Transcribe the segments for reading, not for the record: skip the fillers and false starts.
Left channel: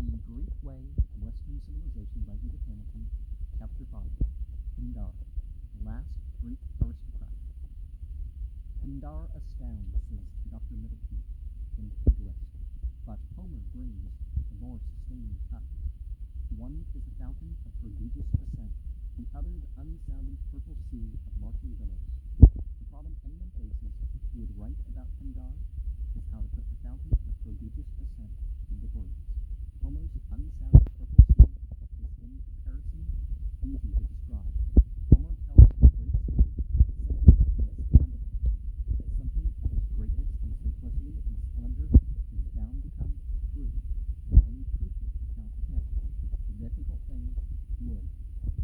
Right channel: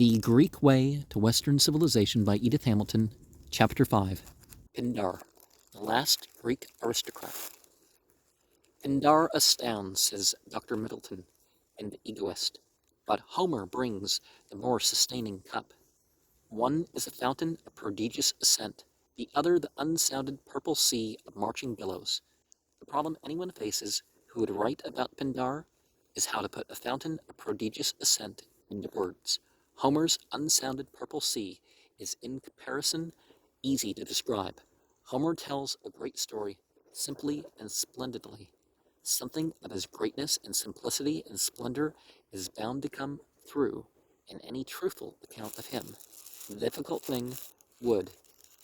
The Greek Way to Western Civilization by Edith Hamilton, Chapter 5, Pindar, the last Greek aristocrat. Pindar astounds, says Dr. Middleton, an egoist, but Homer brings the more sustaining cup. One is a fountain of prodigious ascent, the other the unsounded purple sea of marching billows. The problem anyone faces who would write about Pindar is how to put a fountain of prodigious ascent into words. Homer's unsounded purple sea is in comparison easy to describe. Homer tells a great story simply and splendidly. Something of his greatness and simplicity and splendor is bound to come through in any truthful account of him. The difficult thing would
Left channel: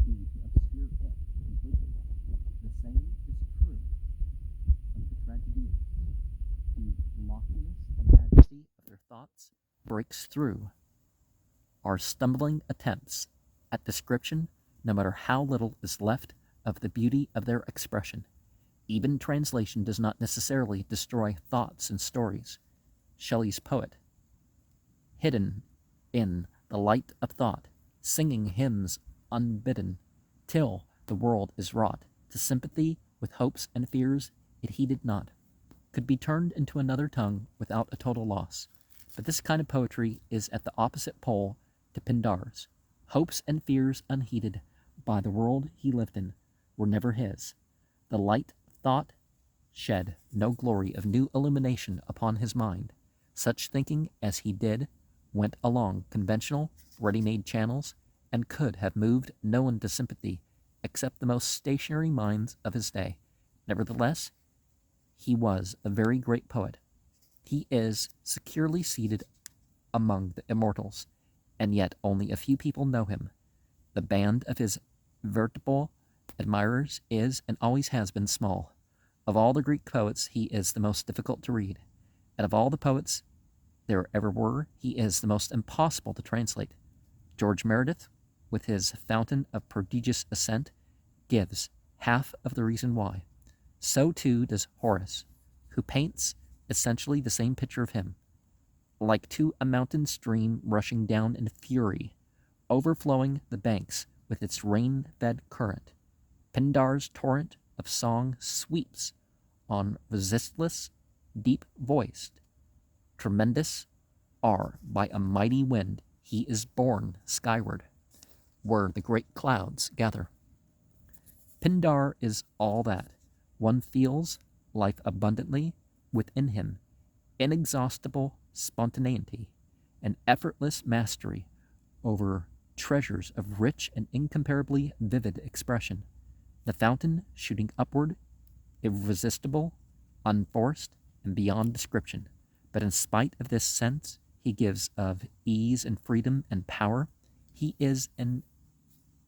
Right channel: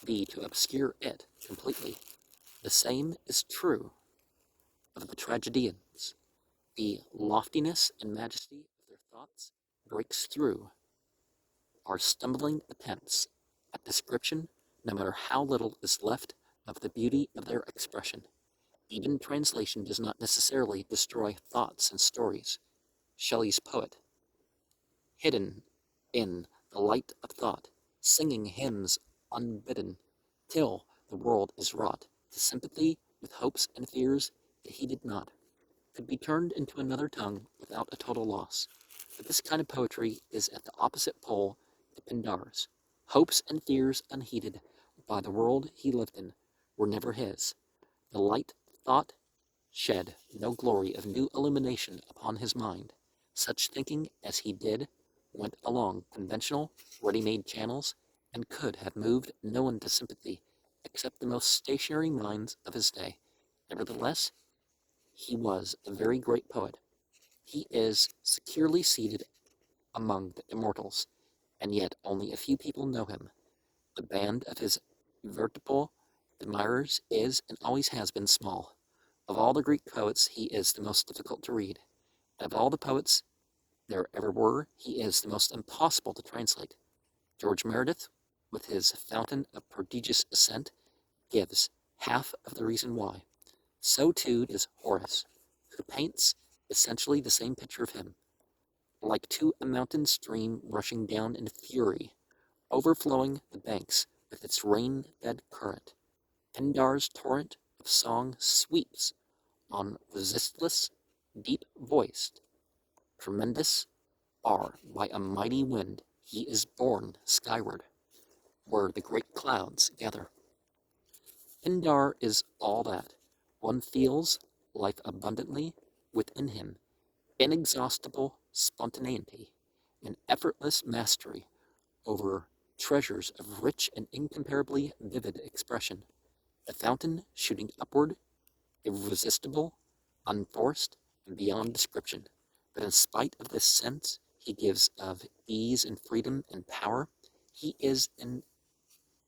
be to obscure it completely. The same is true of the tragedians. The loftiness and majesty of their thoughts breaks through our stumbling attempts at description, no matter how little is left of the beauty of their expression. Even translation does not necessarily destroy thoughts and stories. Shelley's poet, hidden in the light of thought, singing hymns unbidden, till the world is wrought to sympathy with hopes and fears it heeded not, could be turned into another tongue without a total loss. But this kind of poetry is at the opposite pole to Pindar's. Hopes and fears unheeded by the world he lived in were never his. The light thought shed no glory of new illumination upon his mind. Such thinking as he did went along conventional, ready-made channels, and could have moved no one to sympathy except the most stationary minds of his day. Nevertheless, he was a very great poet. He is securely seated among the immortals, and yet only a few people know him. The band of his veritable admirers is and always has been small. Of all the Greek poets, he is the most difficult to read, and of all the poets there ever were, he is the most impossible to translate. George Meredith, with his Fountain of Prodigious Ascent, gives half of the reason why. So too does Horace, who paints essentially the same picture of him, like to a mountain stream rushing down in fury, overflowing the banks with its rain-fed current. Pindar's torrent of song sweeps on resistless, deep-voiced. Tremendous are by a mighty wind he is borne skyward, where the great clouds gather. Pindar is all that. One feels life abundantly within him, inexhaustible spontaneity, and effortless mastery over treasures of rich and incomparably vivid expression. The fountain shooting upward, irresistible, unforced, and beyond description. But in spite of this sense he gives of ease and freedom and power, he is in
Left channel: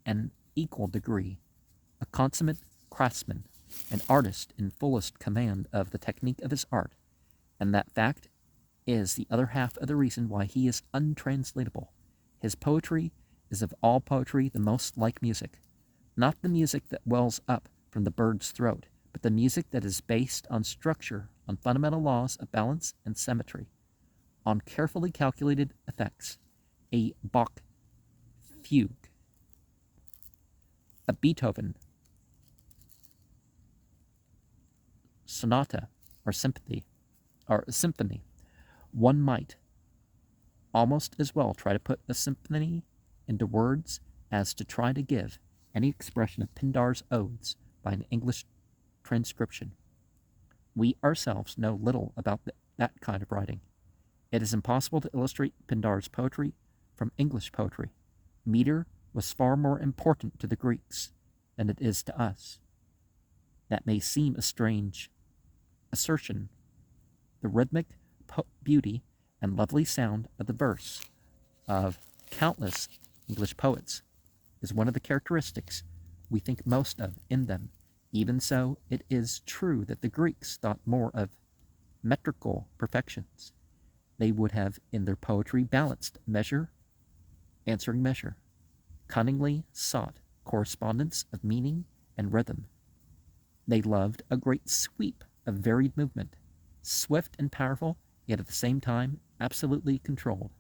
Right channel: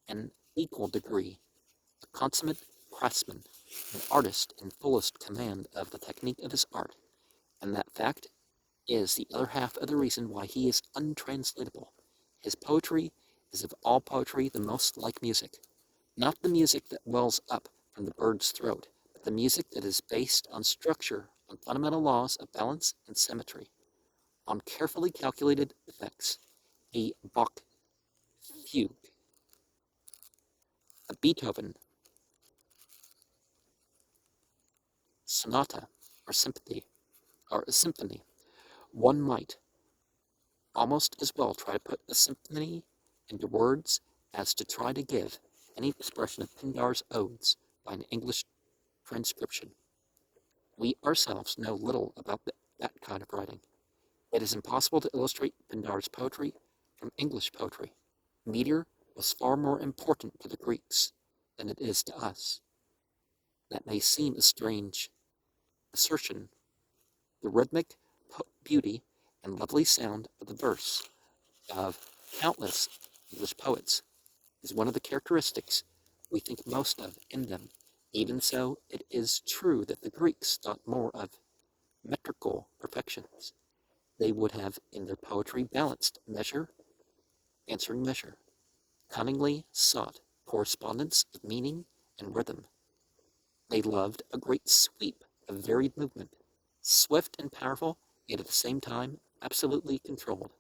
an equal degree a consummate craftsman, an artist in fullest command of the technique of his art, and that fact is the other half of the reason why he is untranslatable. His poetry is of all poetry the most like music, not the music that wells up from the bird's throat, but the music that is based on structure, on fundamental laws of balance and symmetry, on carefully calculated effects. A Bach fugue, a Beethoven sonata or symphony. One might almost as well try to put a symphony into words as to try to give any expression of Pindar's odes by an English transcription. We ourselves know little about that kind of writing. It is impossible to illustrate Pindar's poetry from English poetry. Meter was far more important to the Greeks than it is to us. That may seem a strange assertion. The rhythmic beauty and lovely sound of the verse of countless English poets is one of the characteristics we think most of in them. Even so, it is true that the Greeks thought more of metrical perfections. They would have in their poetry balanced measure, answering measure, cunningly sought correspondence of meaning and rhythm. They loved a great sweep of varied movement, swift and powerful, yet at the same time absolutely controlled.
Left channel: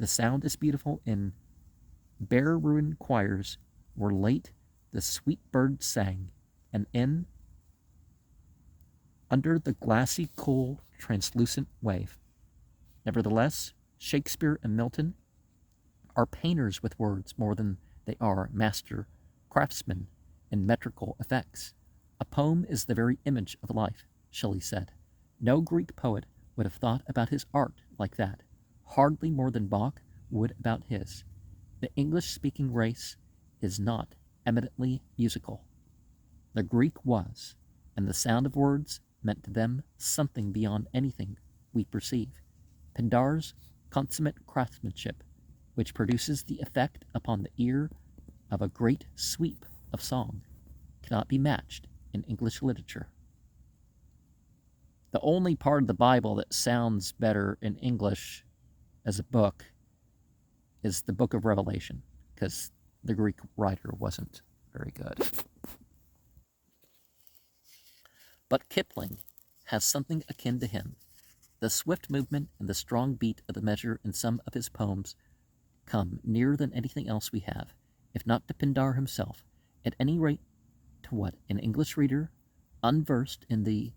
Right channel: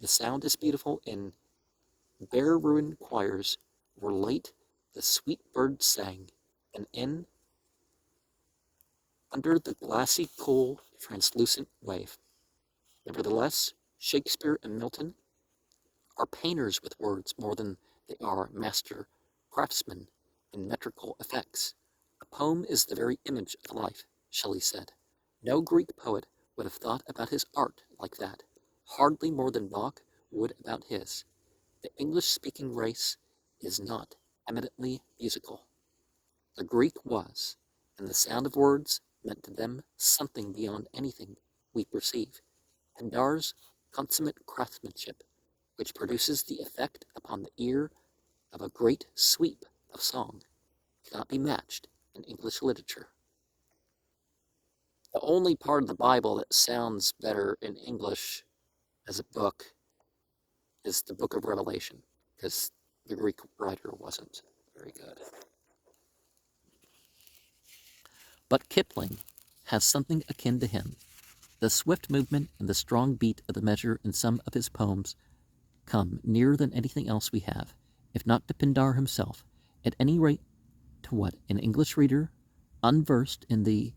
The sound is beautiful in bare ruined choirs where late the sweet birds sang, and under the glassy, cool, translucent wave. Nevertheless, Shakespeare and Milton are painters with words more than they are master craftsmen in metrical effects. A poem is the very image of life, Shelley said. No Greek poet would have thought about his art like that, hardly more than Bach would about his. The English-speaking race is not eminently musical. The Greek was, and the sound of words meant to them something beyond anything we perceive. Pindar's consummate craftsmanship, which produces the effect upon the ear of a great sweep of song, cannot be matched in English literature. The only part of the Bible that sounds better in English as a book is the book of Revelation, because the Greek writer wasn't very good. But Kipling has something akin to him. The swift movement and the strong beat of the measure in some of his poems come nearer than anything else we have, if not to Pindar himself, at any rate to what an English reader, unversed in the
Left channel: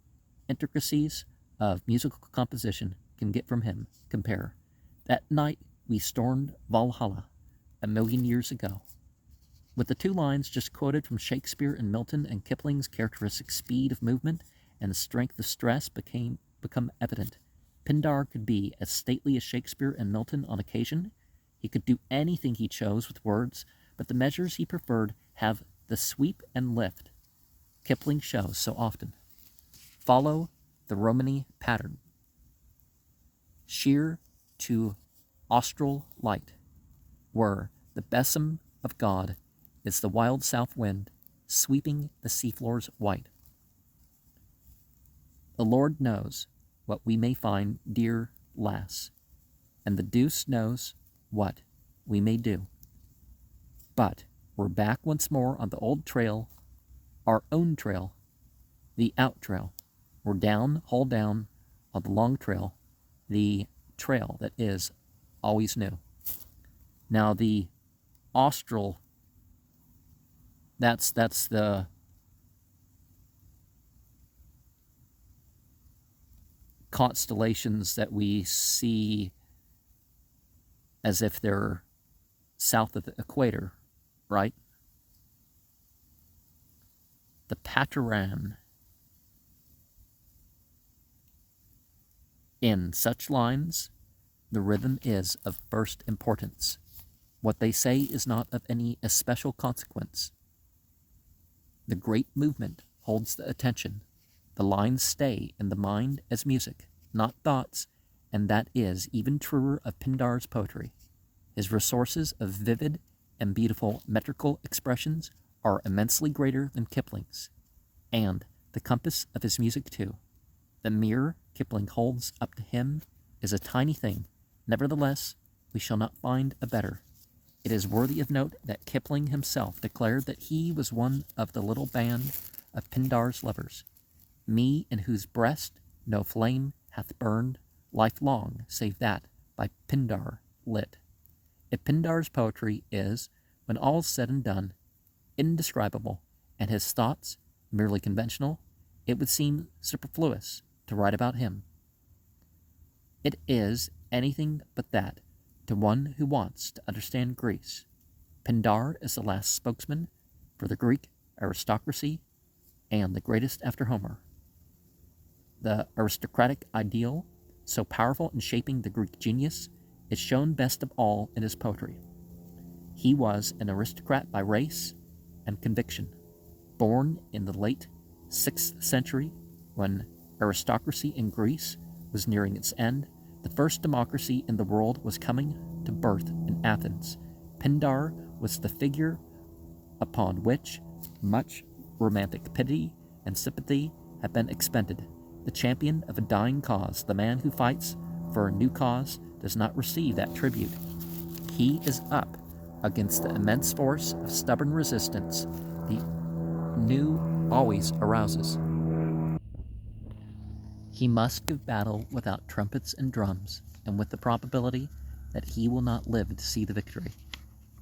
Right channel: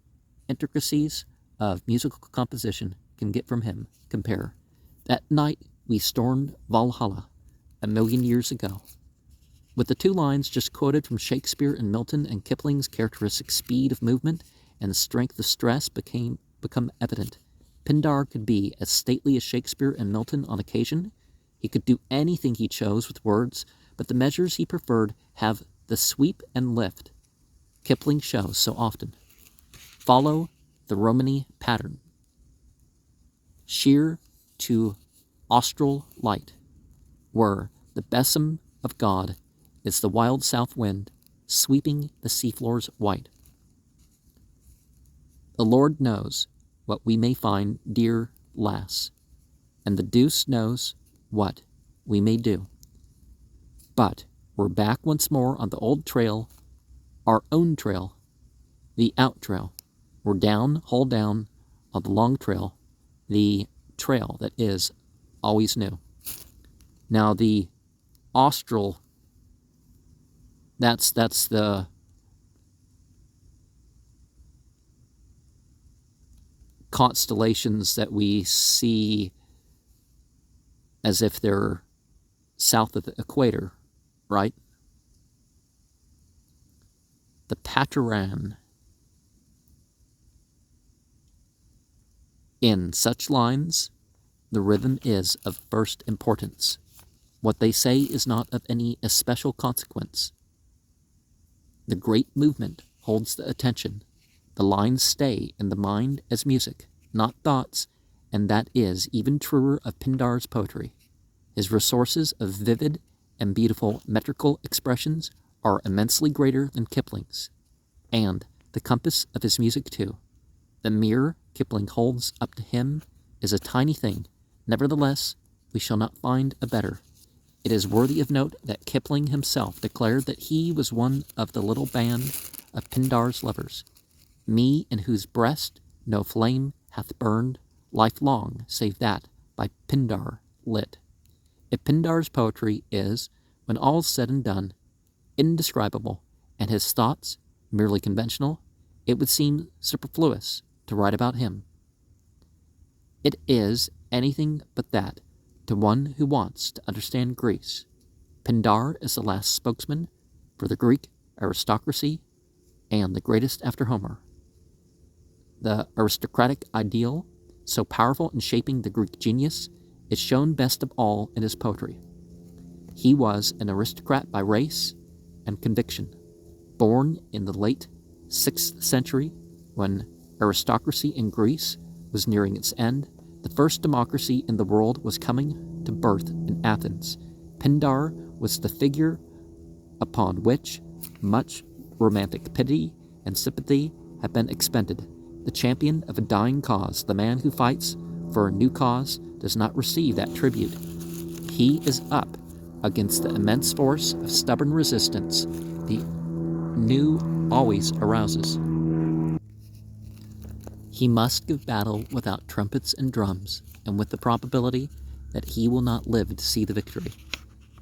intricacies of musical composition, can get from him. Compare. That night we stormed Valhalla 1,000,000 years ago. With the two lines just quoted from Shakespeare and Milton, and Kipling's characteristic speed of movement and strength of stress become evident. Pindar could be as stately as Shakespeare and Milton on occasion. He could do anything he chose with words, but the measures he preferred have the sweep and lift Kipling shows so often. Follow the Romany pattern. Sheer to austral light, where the besom of God is the wild south wind sweeping the seafloors white. The Lord knows what we may find, dear lass, and the deuce knows what we may do. But we're back once more on the old trail, our own trail, the out trail. We're down, hull down, on the long trail, the trail that is always new. Now the austral, that's the constellations that we see as if they're south of the equator, right? The Pataran. In such lines, the rhythm is of first importance. What they say is not of any especial consequence. The great movement holds the attention. The lines stay in the mind as music, not thoughts, and that is even truer of Pindar's poetry. His resources of vivid and beautiful metrical expressions are immensely greater than Kipling's, and the compass of his music too. The mirror Kipling holds up to him is a tiny thing. Nevertheless, we shall not find a better. It is worthy of note that Kipling himself declared that he was one of the little band of Pindar's lovers, me in whose breast no flame hath burned lifelong, save that by Pindar lit. If Pindar's poetry is, when all's said and done, indescribable, and his thoughts merely conventional, it would seem superfluous to write about him. It is anything but that to one who wants to understand Greece. Pindar is the last spokesman for the Greek aristocracy and the greatest after Homer. The aristocratic ideal, so powerful in shaping the Greek genius, is shown best of all in his poetry. He was an aristocrat by race and conviction, born in the late 6th century when aristocracy in Greece was nearing its end. The first democracy in the world was coming to birth in Athens. Pindar was the figure upon which much romantic pity and sympathy have been expended. The champion of a dying cause, the man who fights for a new cause, does not receive that tribute. He is up against the immense force of stubborn resistance the new always arouses. He must give battle without trumpets and drums, and with the probability that he will not live to see the victory.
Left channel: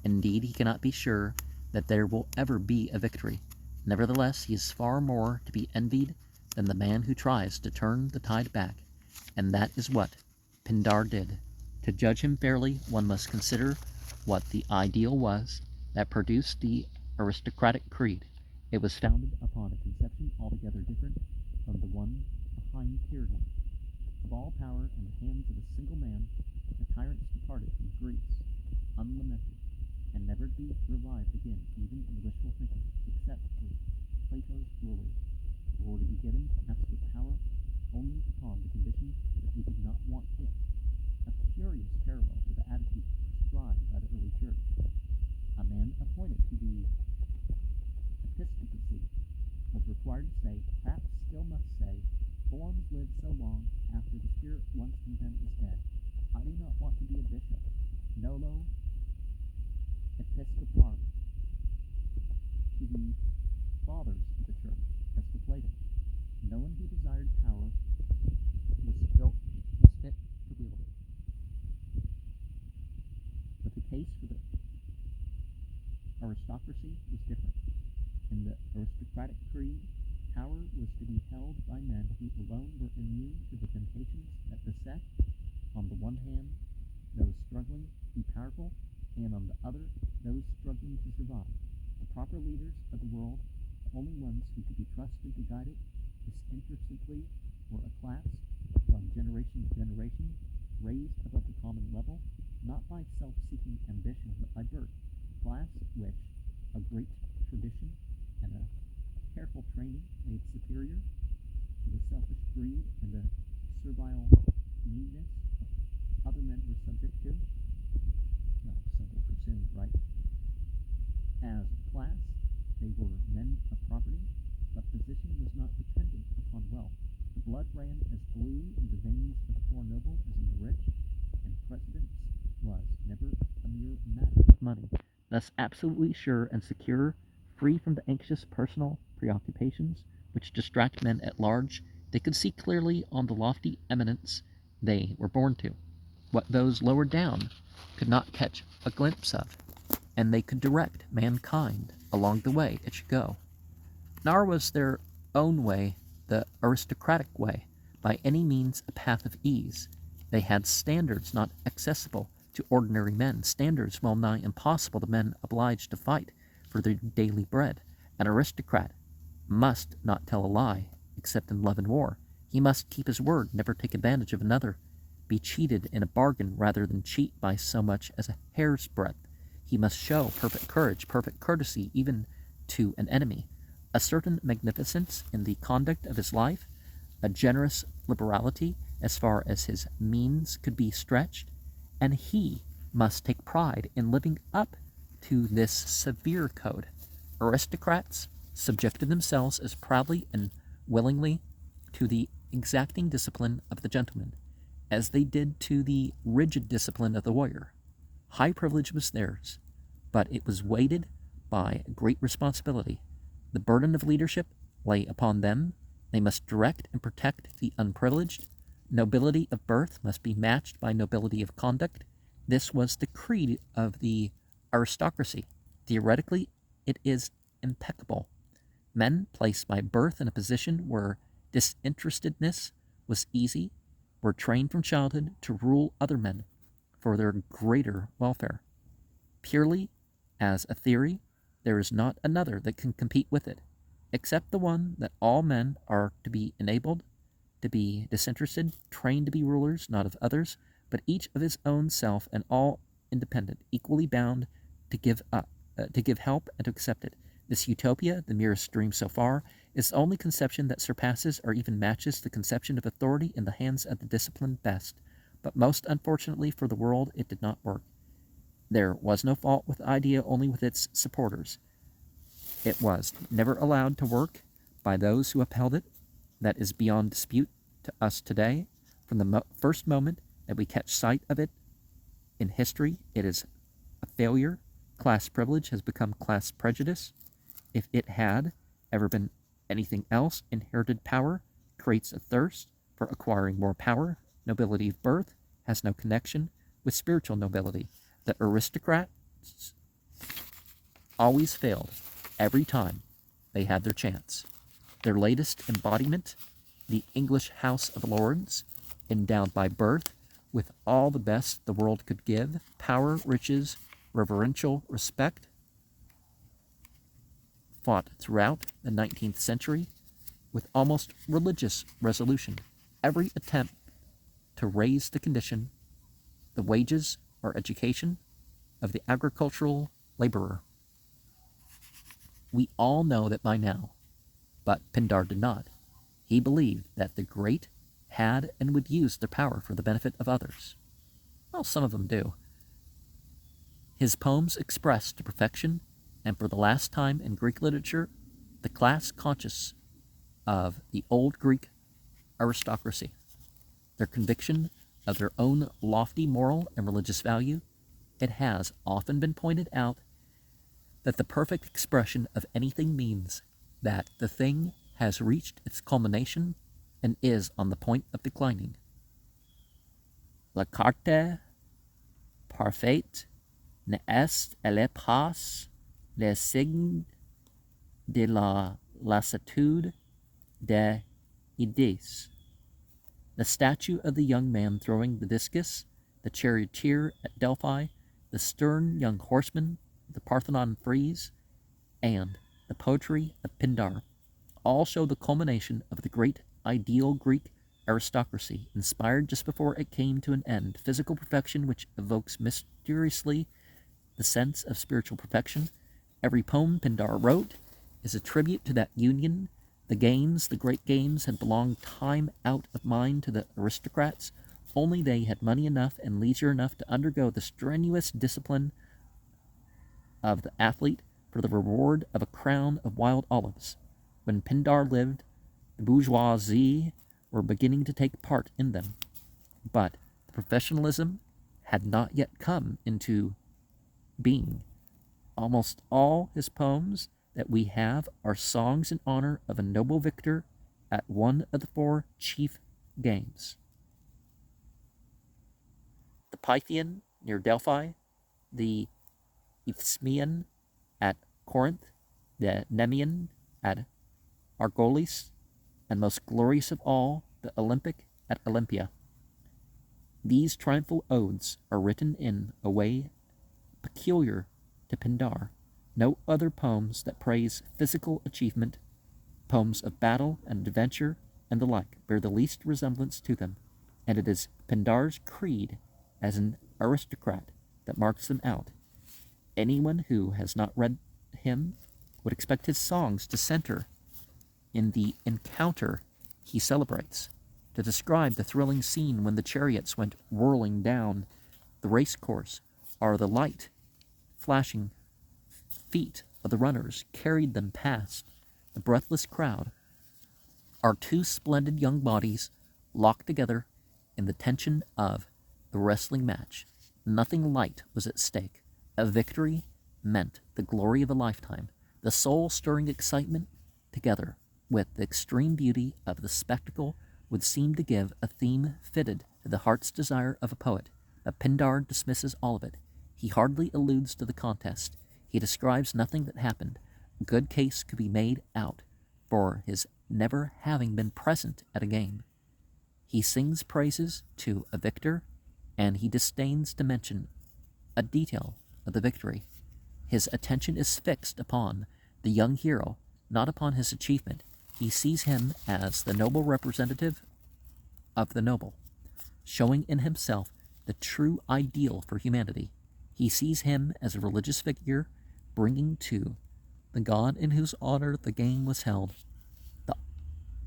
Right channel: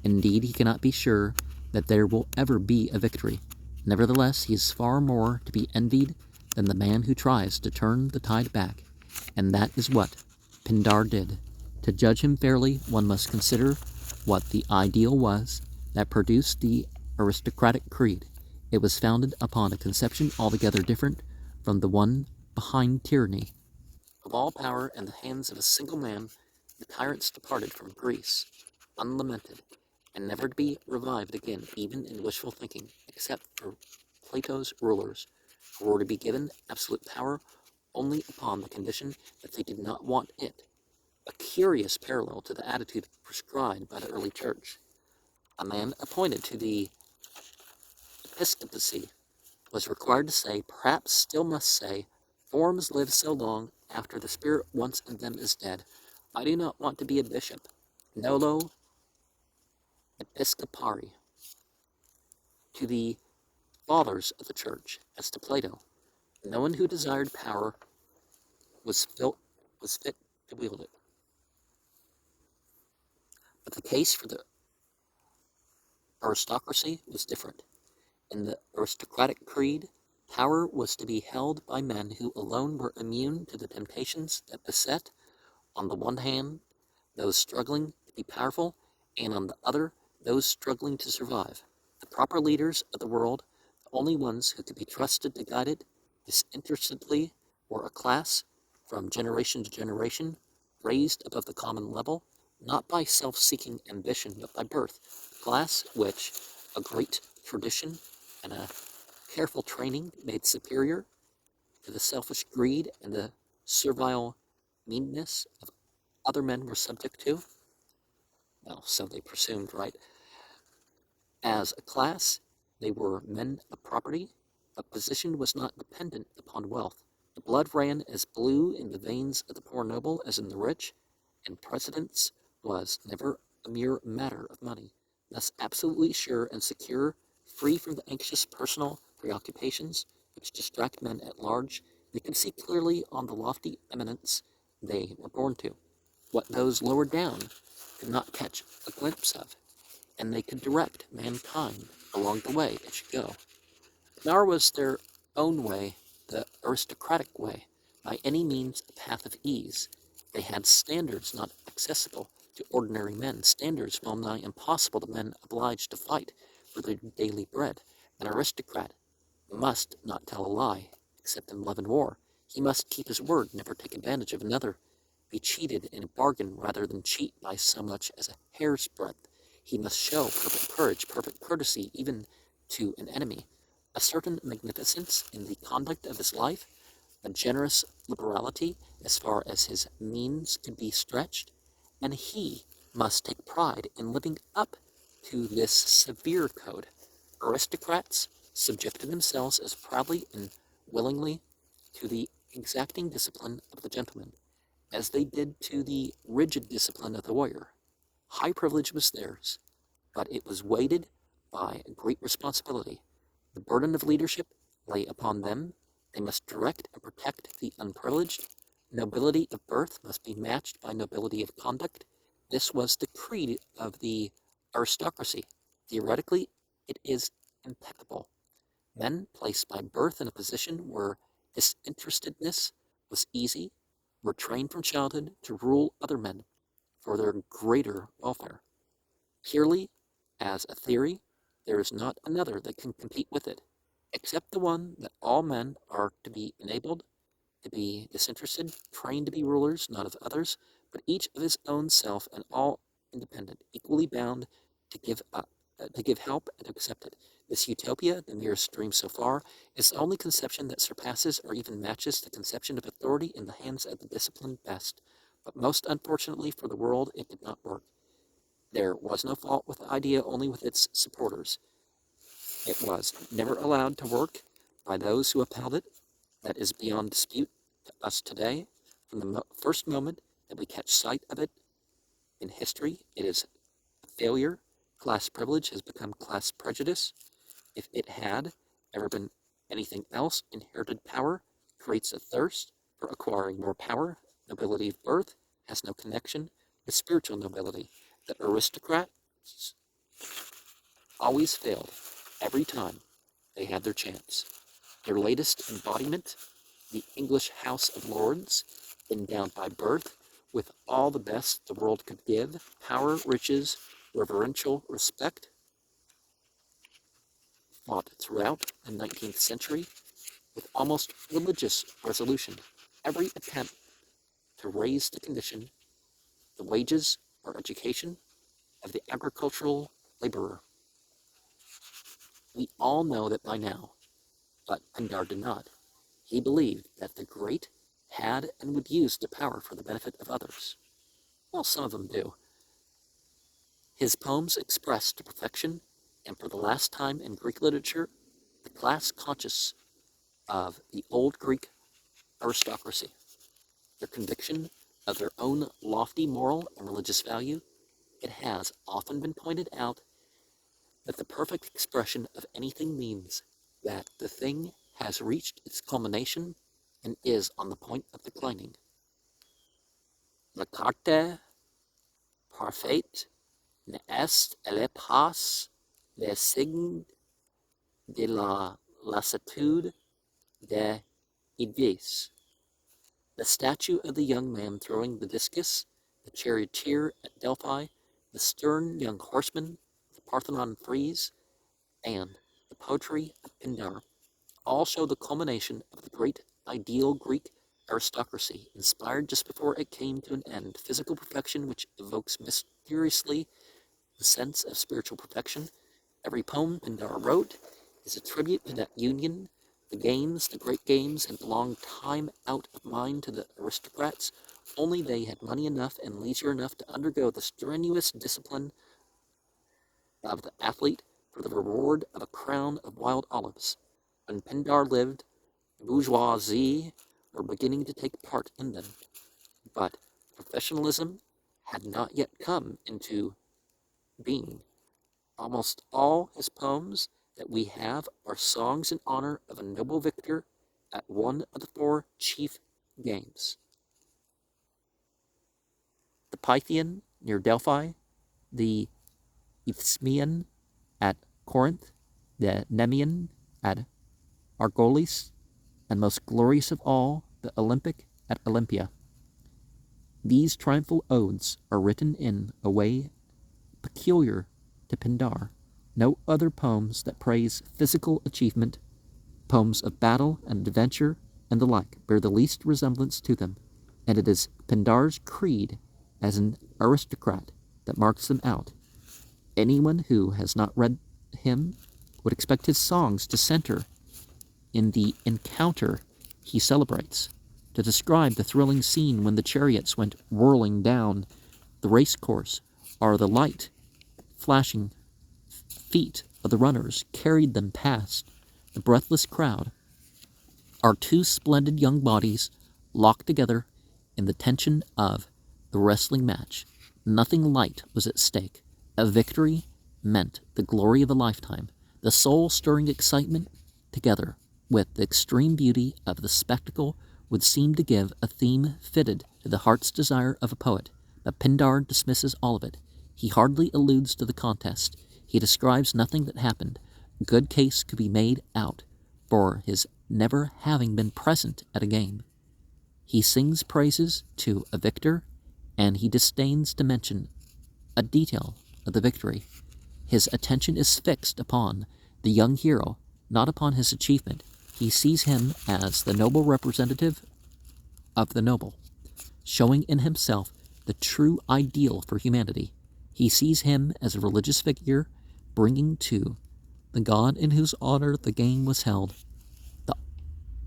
Indeed, he cannot be sure that there will ever be a victory. Nevertheless, he is far more to be envied than the man who tries to turn the tide back, and that is what Pindar did. To judge him fairly, one must consider what the ideal was that produced the aristocratic creed. It was founded upon a conception altogether different from the one behind tyranny. Of all power in the hands of a single man, the tyrants departed from Greece, unlamented, and never to be revived again, even in wishful thinking, except for Plato's rulers, who were to be given absolute power only upon the condition that they did not want it. A curious parallel to the attitude prescribed by the early church. A man appointed to the episcopacy was required to say, perhaps still must say, forms live so long after the spirit once in them is dead. I do not want to be a bishop. Nolo episcopari. To the fathers of the church, as to Plato, no one who desired power was fit to wield it. But the case for the aristocracy was different. In the aristocratic creed, power was to be held by men who alone were immune to the temptations that beset, on the one hand, those struggling to be powerful, and on the other, those struggling to survive. The proper leaders of the world, the only ones who could be trusted to guide it disinterestedly, were a class, from generation to generation, raised above the common level, not by self-seeking ambition, but by birth, a class which a great tradition and a careful training made superior to the selfish greed and the servile meanness of other men were subject to. Well, so they presumed, right? As a class, they were men of property, but position was not dependent upon wealth. The blood ran as blue in the veins of the poor noble as in the rich, and precedence was never a mere matter of money. Thus absolutely sure and secure, free from the anxious personal preoccupations which distract men at large, they could see clearly on the lofty eminence they were born to, what those lower down could not catch a glimpse of, and they could direct mankind along the way it should go. Nor was their own way the aristocratic way, by any means a path of ease. They had standards not accessible to ordinary men, standards well nigh impossible to men obliged to fight for their daily bread. An aristocrat must not tell a lie, except in love and war. He must keep his word, never take advantage of another, be cheated in a bargain rather than cheat by so much as a hair's breadth. He must show perfect courage, perfect courtesy, even to an enemy, a certain magnificence in the conduct of his life, a generous liberality as far as his means could be stretched, and he must take pride in living up to this severe code. Aristocrats subjected themselves as proudly and willingly to the exacting discipline of the gentleman as they did to the rigid discipline of the warrior. High privilege was theirs, but it was weighted by great responsibility. The burden of leadership lay upon them. They must direct and protect the unprivileged. Nobility of birth must be matched by nobility of conduct. This was the creed of the aristocracy. Theoretically, it is impeccable. Men placed by birth in a position where disinterestedness was easy were trained from childhood to rule other men for their greater welfare. Purely as a theory, there is not another that can compete with it, except the one that all men are to be enabled to be disinterested, trained to be rulers, not of others, but each of his own self, and all independent, equally bound to give help and to accept it. This utopia, the merest dream so far, is the only conception that surpasses or even matches the conception of authority in the hands of the disciplined best. But most unfortunately for the world, it did not work. There was no fault with the idea, only with its supporters. It was never allowed to work by those who upheld it. That is beyond dispute to us today. From the first moment that we catch sight of it in history, it is a failure. Class privilege has become class prejudice. If it had ever been anything else, inherited power creates a thirst for acquiring more power. Nobility of birth has no connection with spiritual nobility. The aristocrats always failed every time they had their chance. Their latest embodiment, the English House of Lords, endowed by birth with all the best the world could give, power, riches, reverential respect, fought throughout the 19th century with almost religious resolution every attempt to raise the condition, the wages, or education of the agricultural laborer. We all know that by now, but Pindar did not. He believed that the great had and would use their power for the benefit of others. Well, some of them do. His poems expressed to perfection, and for the last time in Greek literature, the class conscious of the old Greek aristocracy, their conviction of their own lofty moral and religious value. It has often been pointed out that the perfect expression of anything means that the thing has reached its culmination and is on the point of declining. La carte parfaite ne est elle pas le signe de la lassitude de Edith. The statue of the young man throwing the discus, the charioteer at Delphi, the stern young horseman, the Parthenon frieze, and the poetry of Pindar all show the culmination of the great ideal Greek aristocracy, inspired just before it came to an end, physical perfection which evokes mysteriously the sense of spiritual perfection. Every poem Pindar wrote is a tribute to that union. The games, the great games, had belonged time out of mind to the aristocrats. Only they had money enough and leisure enough to undergo the strenuous discipline of the athlete for the reward of a crown of wild olives. When Pindar lived, the bourgeoisie were beginning to take part in them, but professionalism had not yet come into being. Almost all his poems that we have are songs in honor of a noble victor at one of the four chief games: the Pythian near Delphi, the Isthmian at Corinth, the Nemean at Argolis, and most glorious of all, the Olympic at Olympia. These triumphal odes are written in a way peculiar to Pindar. No other poems that praise physical achievement, poems of battle and adventure and the like, bear the least resemblance to them, and it is Pindar's creed as an aristocrat that marks them out. Anyone who has not read him would expect his songs to center in the encounter he celebrates, to describe the thrilling scene when the chariots went whirling down the race course, or the light, flashing feet of the runners carried them past the breathless crowd. Our two splendid young bodies locked together in the tension of the wrestling match. Nothing light was at stake. A victory meant the glory of a lifetime. The soul-stirring excitement, together with the extreme beauty of the spectacle, would seem to give a theme fitted to the heart's desire of a poet. But Pindar dismisses all of it. He hardly alludes to the contest. He describes nothing that happened. A good case could be made out for his never having been present at a game. He sings praises to a victor, and he disdains to mention a detail of the victory. His attention is fixed upon the young hero, not upon his achievement. He sees him as the noble representative of the noble, showing in himself the true ideal for humanity. He sees him as a religious figure, bringing to the God in whose honor the game was held the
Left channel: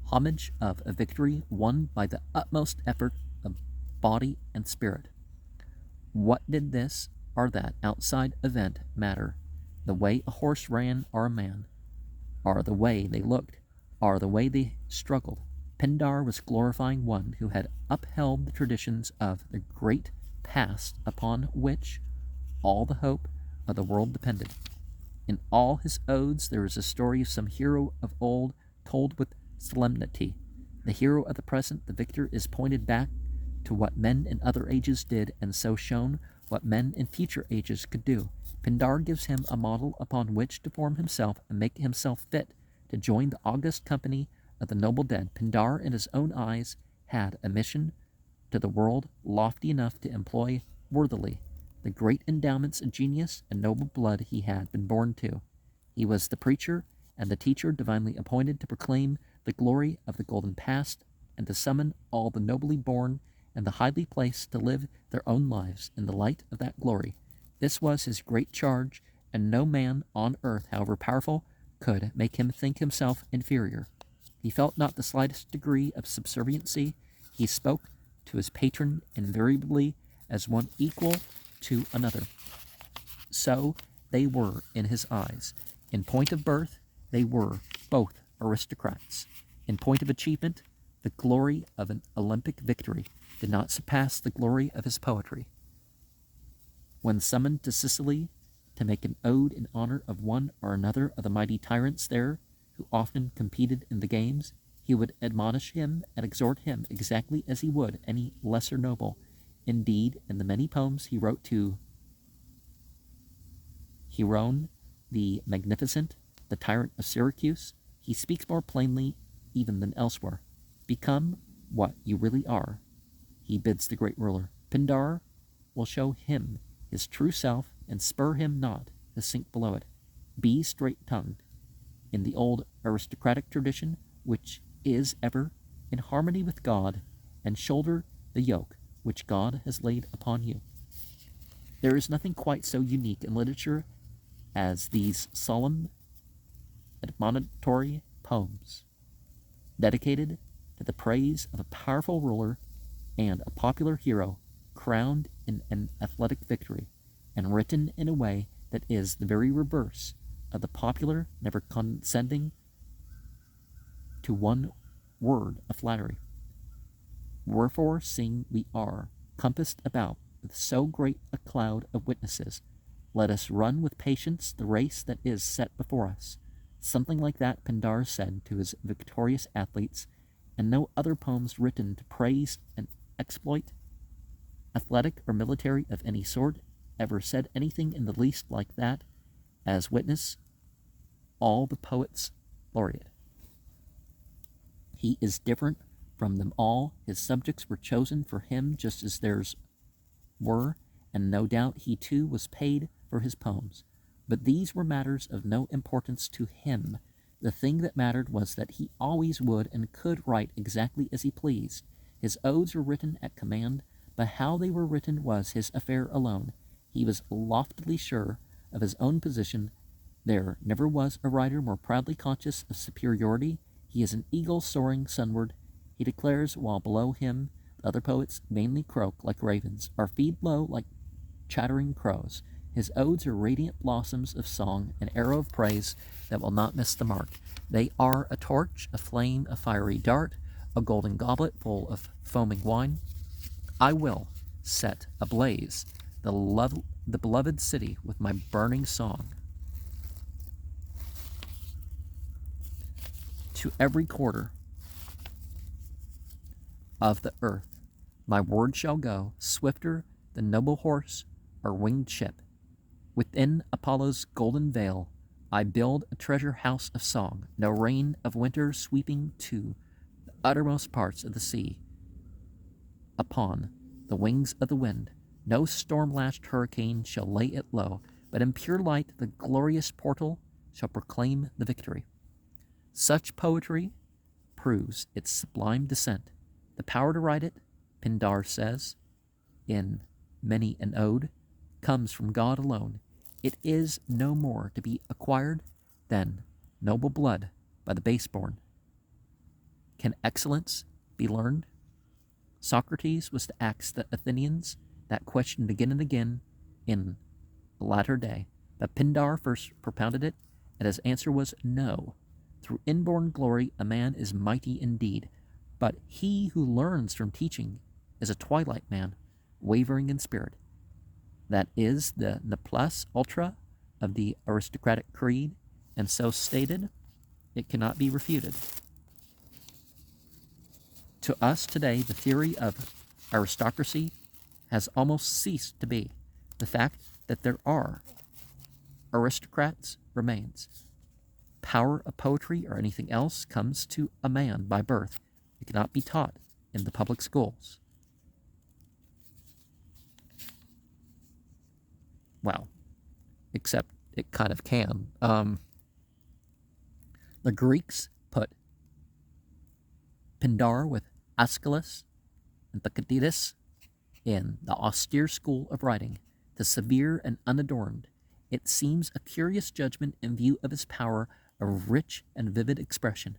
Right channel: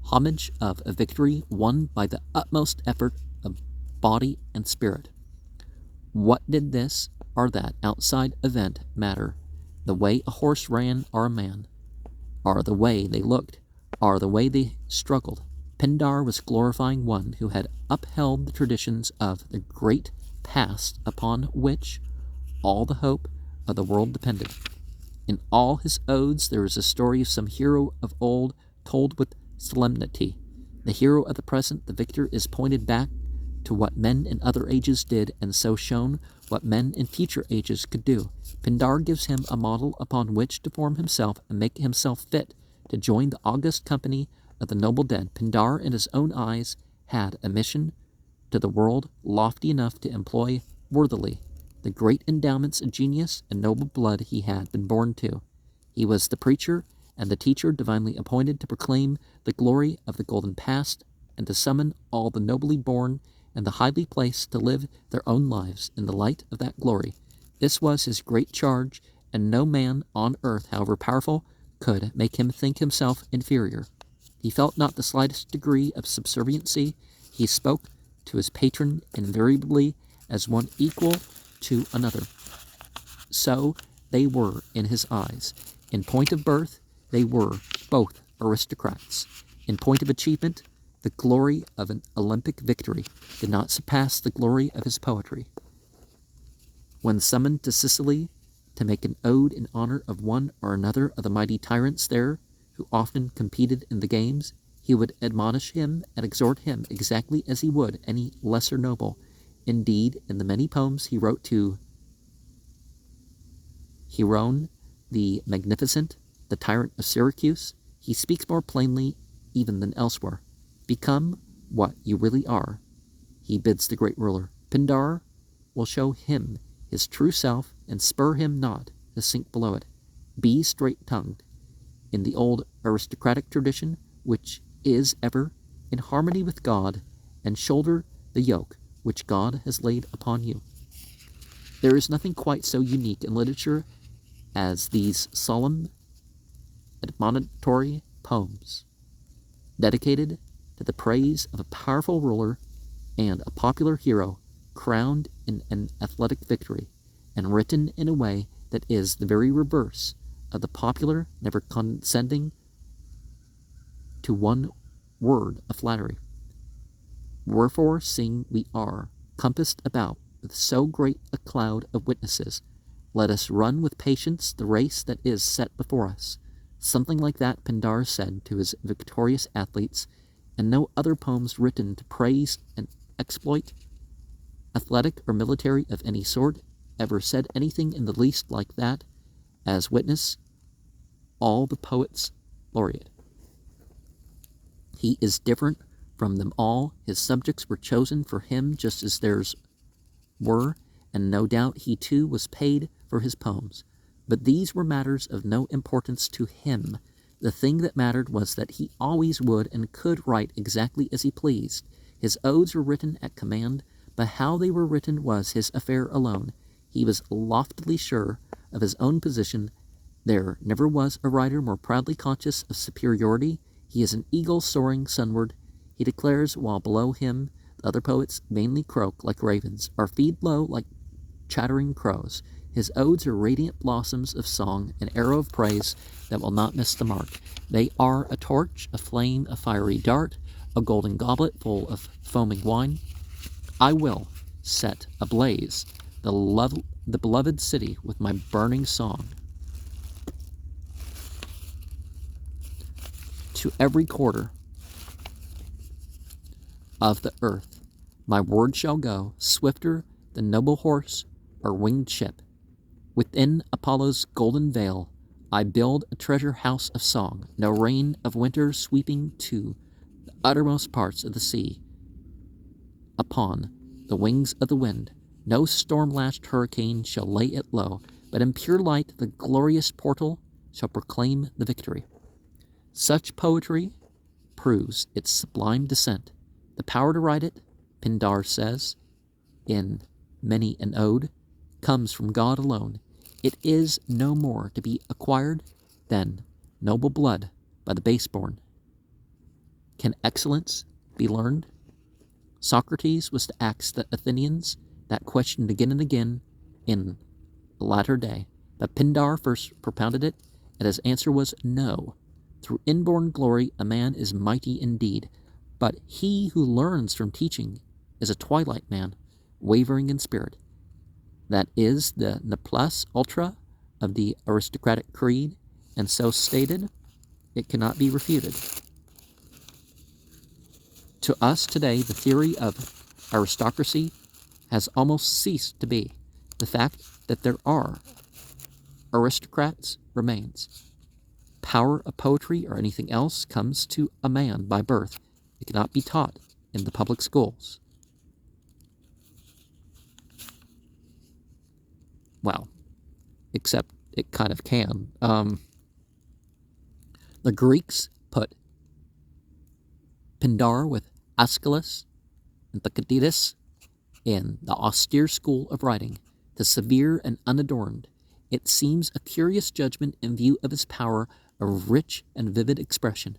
homage of a victory won by the utmost effort of body and spirit. What did this or that outside event matter? The way a horse ran or a man, or the way they looked, or the way they struggled. Pindar was glorifying one who had upheld the traditions of the great past upon which all the hope of the world depended. In all his odes there is a story of some hero of old told with solemnity. The hero of the present, the victor, is pointed back to what men in other ages did, and so shown what men in future ages could do. Pindar gives him a model upon which to form himself and make himself fit to join the august company of the noble dead. Pindar, in his own eyes, had a mission to the world lofty enough to employ worthily the great endowments of genius and noble blood he had been born to. He was the preacher and the teacher divinely appointed to proclaim the glory of the golden past and to summon all the nobly born and the highly placed to live their own lives in the light of that glory. This was his great charge, and no man on earth, however powerful, could make him think himself inferior. He felt not the slightest degree of subserviency. He spoke to his patron invariably as one equal to another. So they were in his eyes. In point of birth, they were both aristocrats. In point of achievement, the glory of an Olympic victory did not surpass the glory of his poetry. When summoned to Sicily to make an ode in honor of one or another of the mighty tyrants there, who often competed in the games, he would admonish him and exhort him exactly as he would any lesser noble. Indeed, in the many poems he wrote to Hieron the Magnificent, the tyrant of Syracuse, he speaks more plainly even than elsewhere. Become what you really are, he bids the great ruler. Pindar will show him his true self and spur him not to sink below it. Be straight-tongued in the old aristocratic tradition, which is ever in harmony with God, and shoulder the yoke which God has laid upon you. There is nothing quite so unique in literature as these solemn, admonitory poems, dedicated to the praise of a powerful ruler and a popular hero crowned in an athletic victory, and written in a way that is the very reverse of the popular, never condescending to one word of flattery. Wherefore, seeing we are compassed about with so great a cloud of witnesses, let us run with patience the race that is set before us. Something like that Pindar said to his victorious athletes, and no other poems written to praise and exploit, athletic or military of any sort, ever said anything in the least like that, as witness all the poets laureate. He is different from them all. His subjects were chosen for him just as theirs were, and no doubt he too was paid for his poems. But these were matters of no importance to him. The thing that mattered was that he always would and could write exactly as he pleased. His odes were written at command, but how they were written was his affair alone. He was loftily sure of his own position. There never was a writer more proudly conscious of superiority. He is an eagle soaring sunward, he declares, while below him the other poets vainly croak like ravens, or feed low like chattering crows. His odes are radiant blossoms of song, an arrow of praise that will not miss the mark. They are a torch, a flame, a fiery dart, a golden goblet full of foaming wine. I will set ablaze the beloved city with my burning song. To every quarter of the earth my word shall go, swifter than noble horse or winged ship. Within Apollo's golden veil I build a treasure house of song, no rain of winter sweeping to the uttermost parts of the sea. Upon the wings of the wind, no storm-lashed hurricane shall lay it low, but in pure light the glorious portal shall proclaim the victory. Such poetry proves its sublime descent. The power to write it, Pindar says, in many an ode, comes from God alone. It is no more to be acquired than noble blood by the baseborn. Can excellence be learned? Socrates was to ask the Athenians that question again and again in the latter day, but Pindar first propounded it, and his answer was no. Through inborn glory a man is mighty indeed, but he who learns from teaching is a twilight man, wavering in spirit. That is the ne plus ultra of the aristocratic creed, and so stated, it cannot be refuted. To us today, the theory of Aristocracy has almost ceased to be. The fact that there are aristocrats remains. Power of poetry or anything else comes to a man by birth. It cannot be taught in the public schools. Well, except it kind of can. The Greeks put Pindar with Aeschylus and Thucydides in the austere school of writing, the severe and unadorned. It seems a curious judgment in view of his power of rich and vivid expression,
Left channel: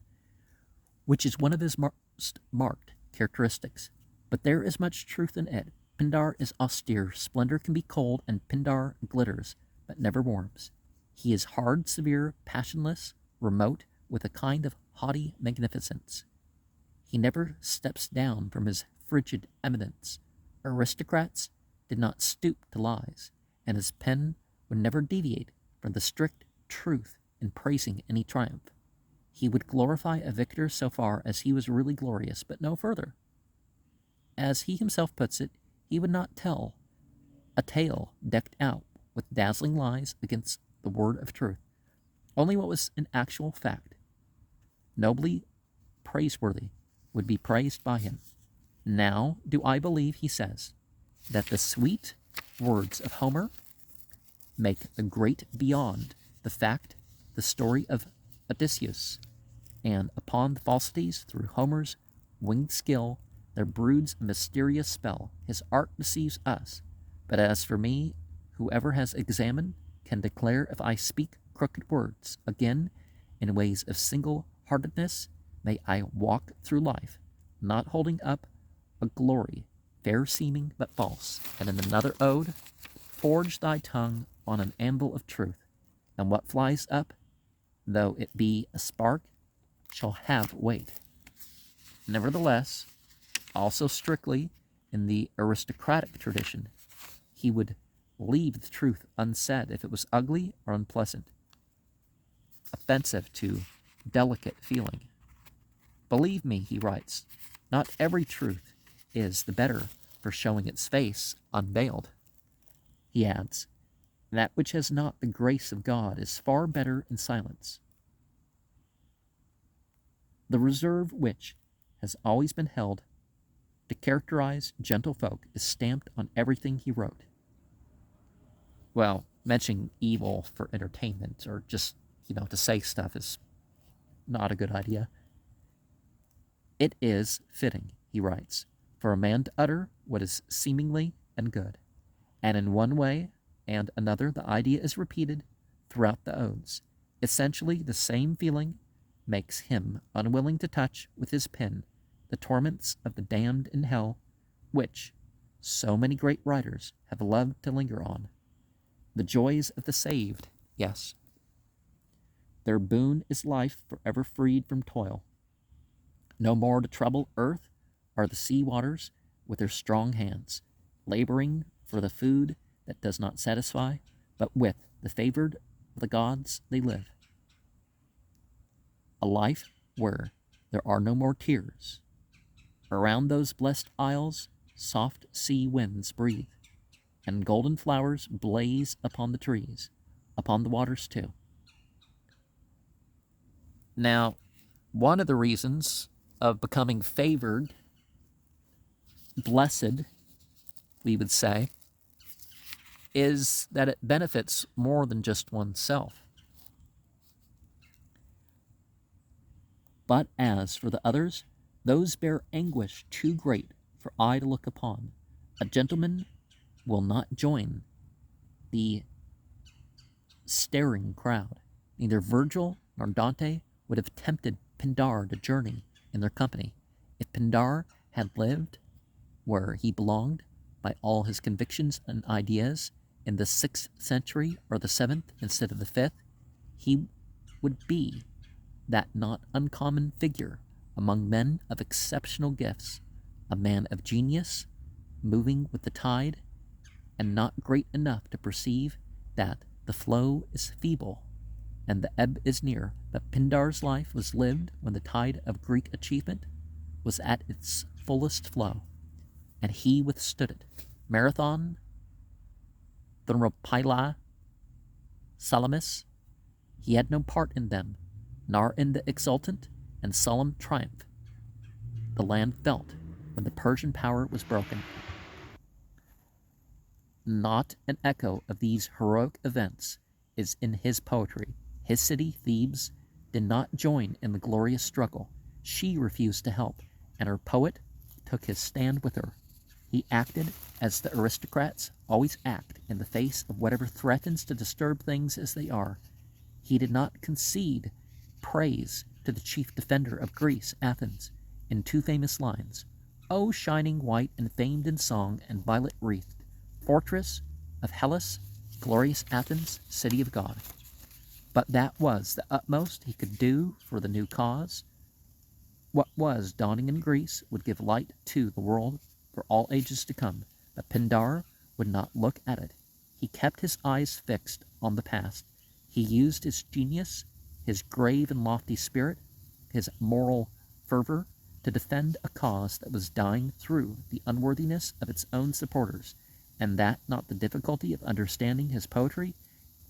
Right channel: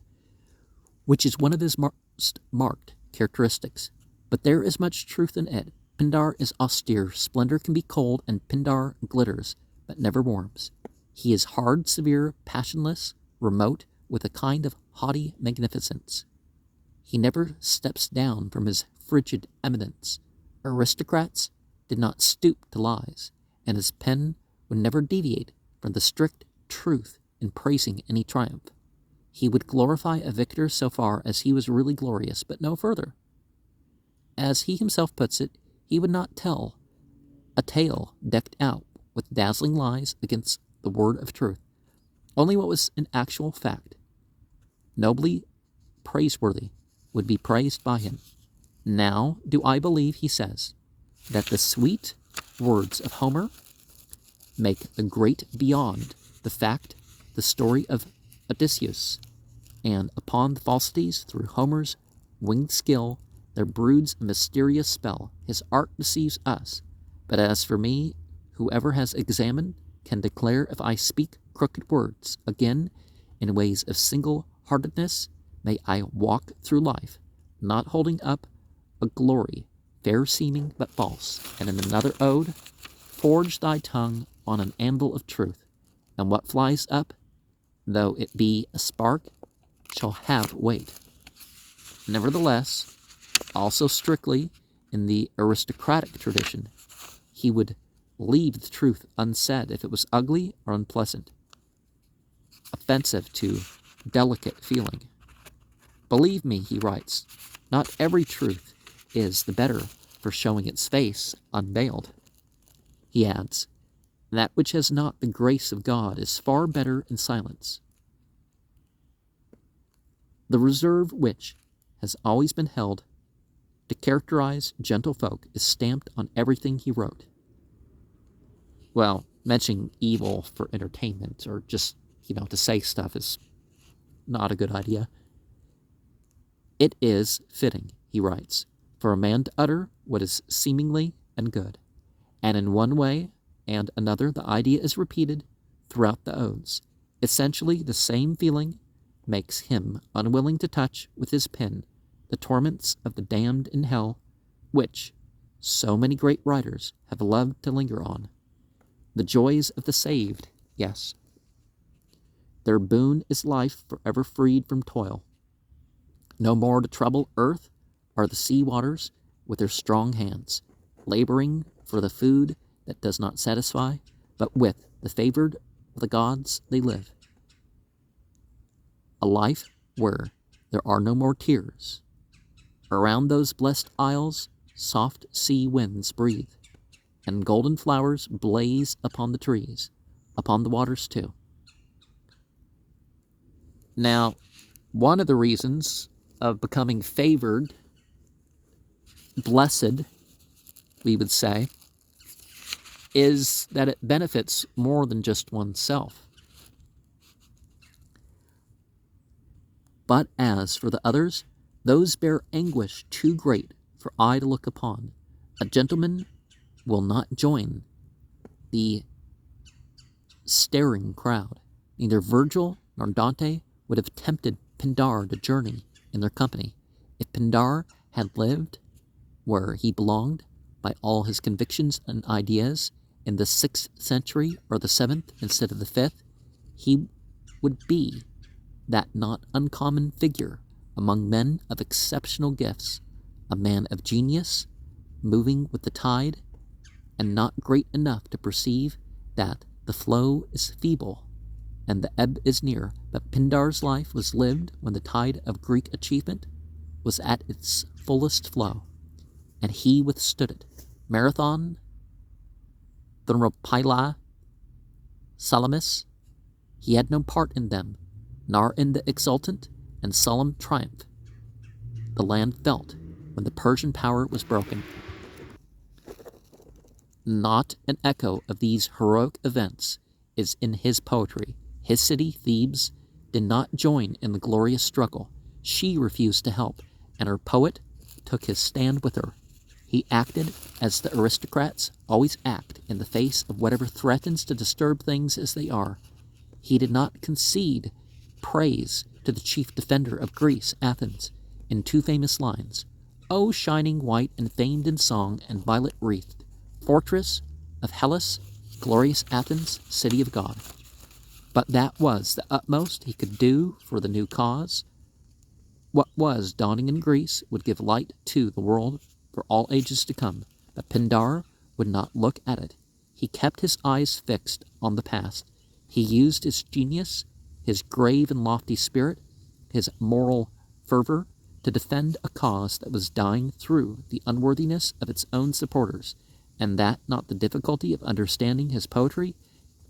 which is one of his most marked characteristics. But there is much truth in it. Pindar is austere, splendor can be cold, and Pindar glitters, but never warms. He is hard, severe, passionless, remote, with a kind of haughty magnificence. He never steps down from his frigid eminence. Aristocrats did not stoop to lies, and his pen would never deviate from the strict truth in praising any triumph. He would glorify a victor so far as he was really glorious, but no further. As he himself puts it, he would not tell a tale decked out with dazzling lies against the word of truth, only what was an actual fact, nobly praiseworthy, would be praised by him. Now do I believe, he says, that the sweet words of Homer make the great beyond the fact, the story of Odysseus, and upon the falsities through Homer's winged skill there broods a mysterious spell. His art deceives us, but as for me, whoever has examined can declare if I speak crooked words. Again, in ways of single-heartedness, may I walk through life, not holding up a glory, fair-seeming but false. And in another ode, forge thy tongue on an anvil of truth, and what flies up, though it be a spark, shall have weight. Nevertheless, also strictly in the aristocratic tradition, he would leave the truth unsaid if it was ugly or unpleasant, offensive to delicate feeling. Believe me, he writes, not every truth is the better for showing its face unveiled. He adds, that which has not the grace of God is far better in silence. The reserve which has always been held to characterize gentlefolk is stamped on everything he wrote. Well, mentioning evil for entertainment or just, to say stuff is not a good idea. It is fitting, he writes, for a man to utter what is seemingly and good. And in one way and another, the idea is repeated throughout the odes. Essentially, the same feeling makes him unwilling to touch with his pen the torments of the damned in hell, which so many great writers have loved to linger on. The joys of the saved, yes. Their boon is life forever freed from toil. No more to trouble earth are the sea waters with their strong hands, laboring for the food that does not satisfy, but with the favored of the gods they live. A life where there are no more tears. Around those blessed isles, soft sea winds breathe, and golden flowers blaze upon the trees, upon the waters too. Now, one of the reasons of becoming favored, blessed, we would say, is that it benefits more than just oneself. But as for the others, those bear anguish too great for eye to look upon. A gentleman will not join the staring crowd. Neither Virgil nor Dante would have tempted Pindar to journey in their company. If Pindar had lived where he belonged by all his convictions and ideas in the 6th century or the 7th instead of the 5th, he would be that not uncommon figure among men of exceptional gifts, a man of genius, moving with the tide, and not great enough to perceive that the flow is feeble and the ebb is near. But Pindar's life was lived when the tide of Greek achievement was at its fullest flow. and he withstood it. Marathon, Thermopylae, Salamis, he had no part in them, nor in the exultant and solemn triumph the land felt when the Persian power was broken. Not an echo of these heroic events is in his poetry. His city, Thebes, did not join in the glorious struggle. She refused to help, and her poet took his stand with her. He acted as the aristocrats always act in the face of whatever threatens to disturb things as they are. He did not concede praise to the chief defender of Greece, Athens, in two famous lines: "O shining white and famed in song and violet-wreathed, fortress of Hellas, glorious Athens, city of God." But that was the utmost he could do for the new cause. What was dawning in Greece would give light to the world for all ages to come. But Pindar would not look at it. He kept his eyes fixed on the past. He used his genius, his grave and lofty spirit, his moral fervor, to defend a cause that was dying through the unworthiness of its own supporters, and that not the difficulty of understanding his poetry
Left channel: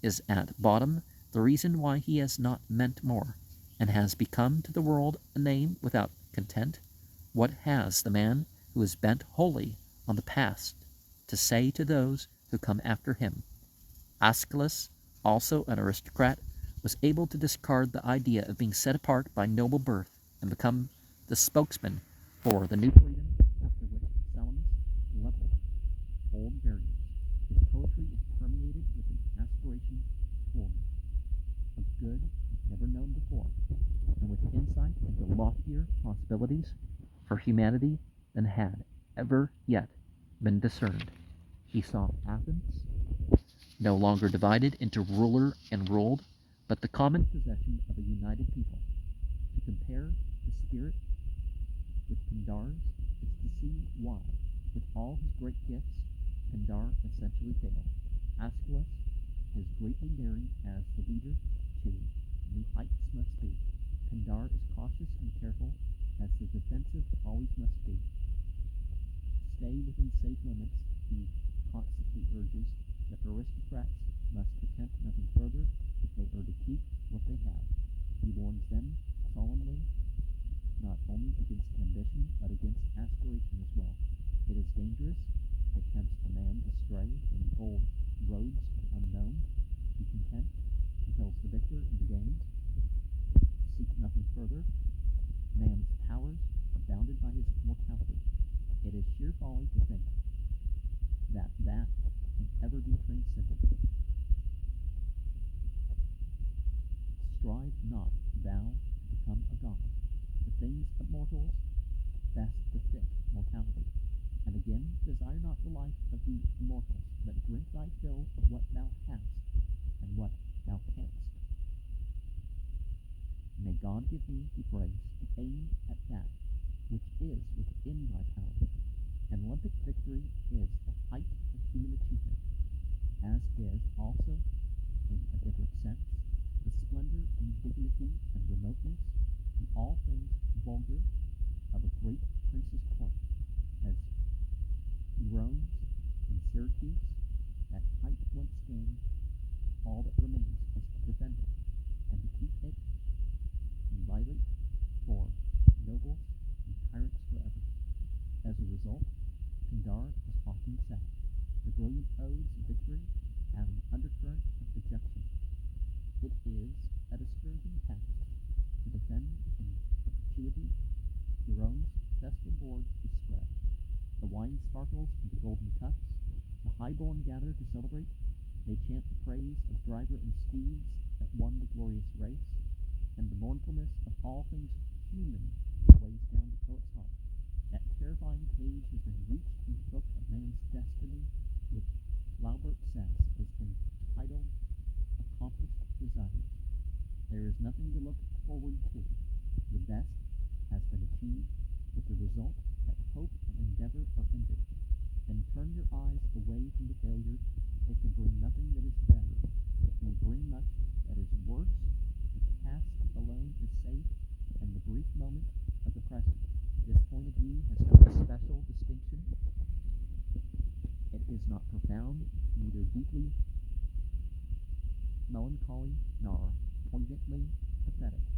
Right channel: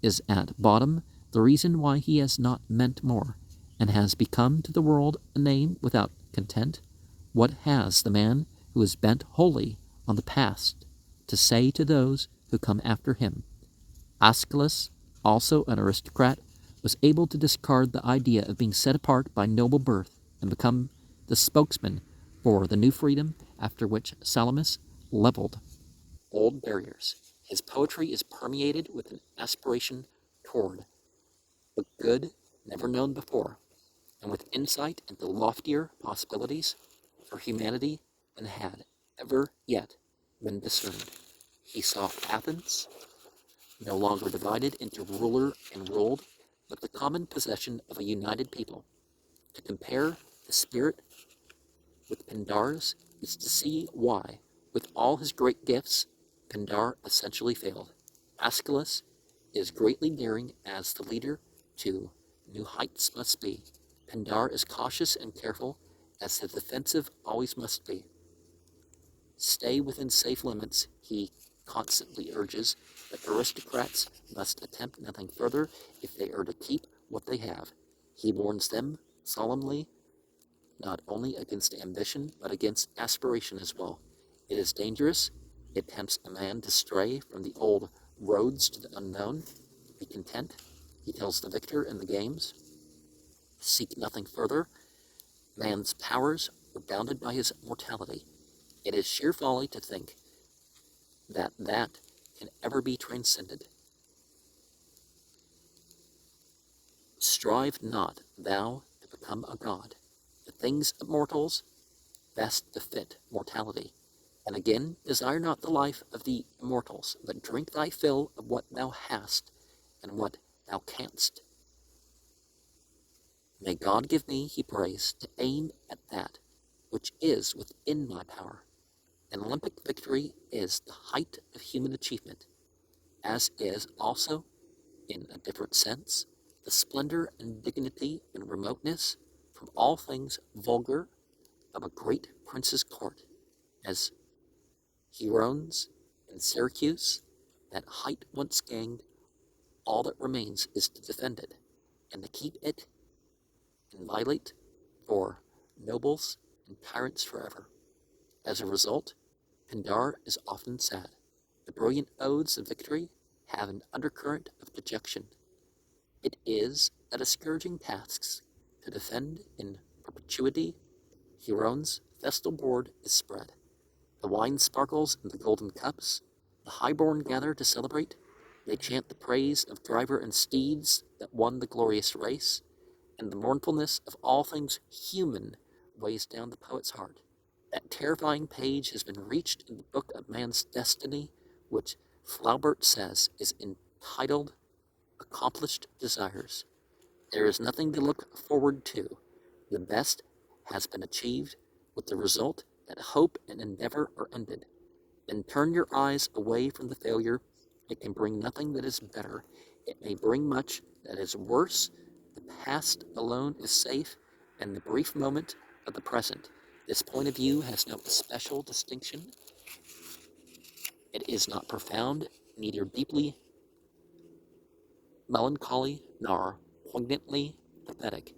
is at bottom the reason why he has not meant more, and has become to the world a name without content. What has the man who is bent wholly on the past to say to those who come after him? Aeschylus, also an aristocrat, was able to discard the idea of being set apart by noble birth and become the spokesman for the new freedom after which Salamis leveled old barriers. His poetry is permeated with an aspiration toward a good never known before, and with insight into loftier possibilities for humanity than had ever yet been discerned. He saw Athens no longer divided into ruler and ruled, but the common possession of a united people. To compare the spirit with Pindar's is to see why, with all his great gifts, Pindar essentially failed. Aeschylus is greatly daring as the leader to new heights must be. Pindar is cautious and careful as the defensive always must be. Stay within safe limits, he constantly urges, but aristocrats must attempt nothing further if they are to keep what they have. He warns them solemnly not only against ambition, but against aspiration as well. It is dangerous. It tempts a man to stray from the old roads to the unknown. Be content, he tells the victor in the games. Seek nothing further. Man's powers are bounded by his mortality. It is sheer folly to think that can ever be transcended. Strive not thou to become a god. The things of mortals best befit mortality. And again, desire not the life of the immortals, but drink thy fill of what thou hast and what thou canst. May God give me, he prays, to aim at that which is within my power. An Olympic victory is the height of human achievement, as is also, in a different sense, the splendor and dignity and remoteness from all things vulgar of a great prince's court, as Herones in Syracuse, that height once gained, all that remains is to defend it, and to keep it inviolate for nobles and tyrants forever. As a result, Pindar is often sad. The brilliant odes of victory have an undercurrent of dejection. It is a discouraging task to defend in perpetuity. Herones' festal board is spread. The wine sparkles in the golden cups. The highborn gather to celebrate. They chant the praise of driver and steeds that won the glorious race, and the mournfulness of all things human weighs down the poet's heart. That terrifying page has been reached in the book of man's destiny, which Flaubert says is entitled Accomplished Desires. There is nothing to look forward to. The best has been achieved, with the result that hope and endeavor are ended. Then turn your eyes away from the failure. It can bring nothing that is better. It may bring much that is worse. The past alone is safe, and the brief moment of the present. This point of view has no especial distinction It is not profound, neither deeply melancholy, nor poignantly pathetic.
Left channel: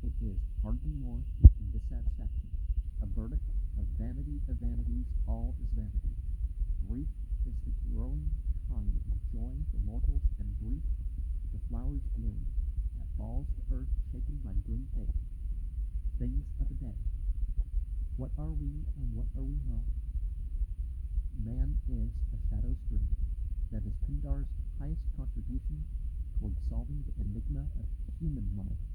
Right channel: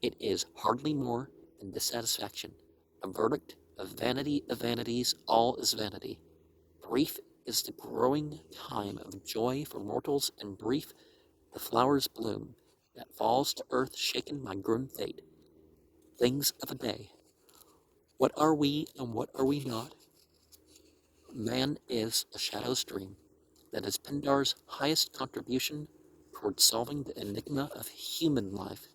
It is hardly more than dissatisfaction, a verdict of vanities, all is vanity. Brief is the growing time of joy for mortals, and brief the flower's bloom that falls to earth shaken by grim fate. Things of a day. What are we and what are we not? Man is a shadow's dream. That is Pindar's highest contribution toward solving the enigma of human life.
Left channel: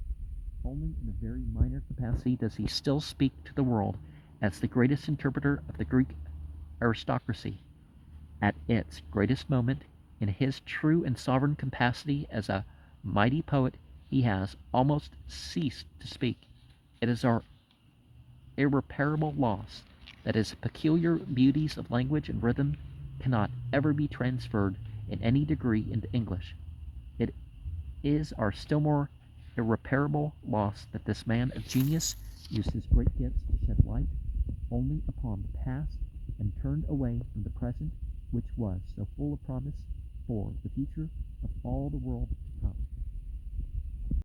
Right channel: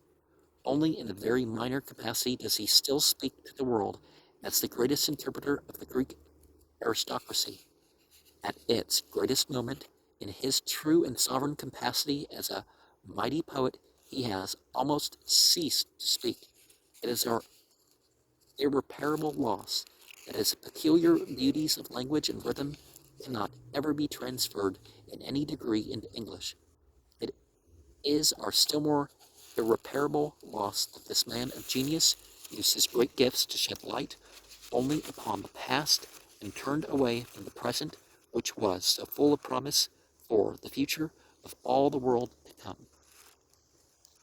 Only in a very minor capacity does he still speak to the world as the greatest interpreter of the Greek aristocracy. At its greatest moment, in his true and sovereign capacity as a mighty poet, he has almost ceased to speak. It is our irreparable loss that his peculiar beauties of language and rhythm cannot ever be transferred in any degree into English. It is our still more irreparable loss that this man of genius used his great gifts to shed light only upon the past and turned away from the present, which was so full of promise for the future of all the world to come.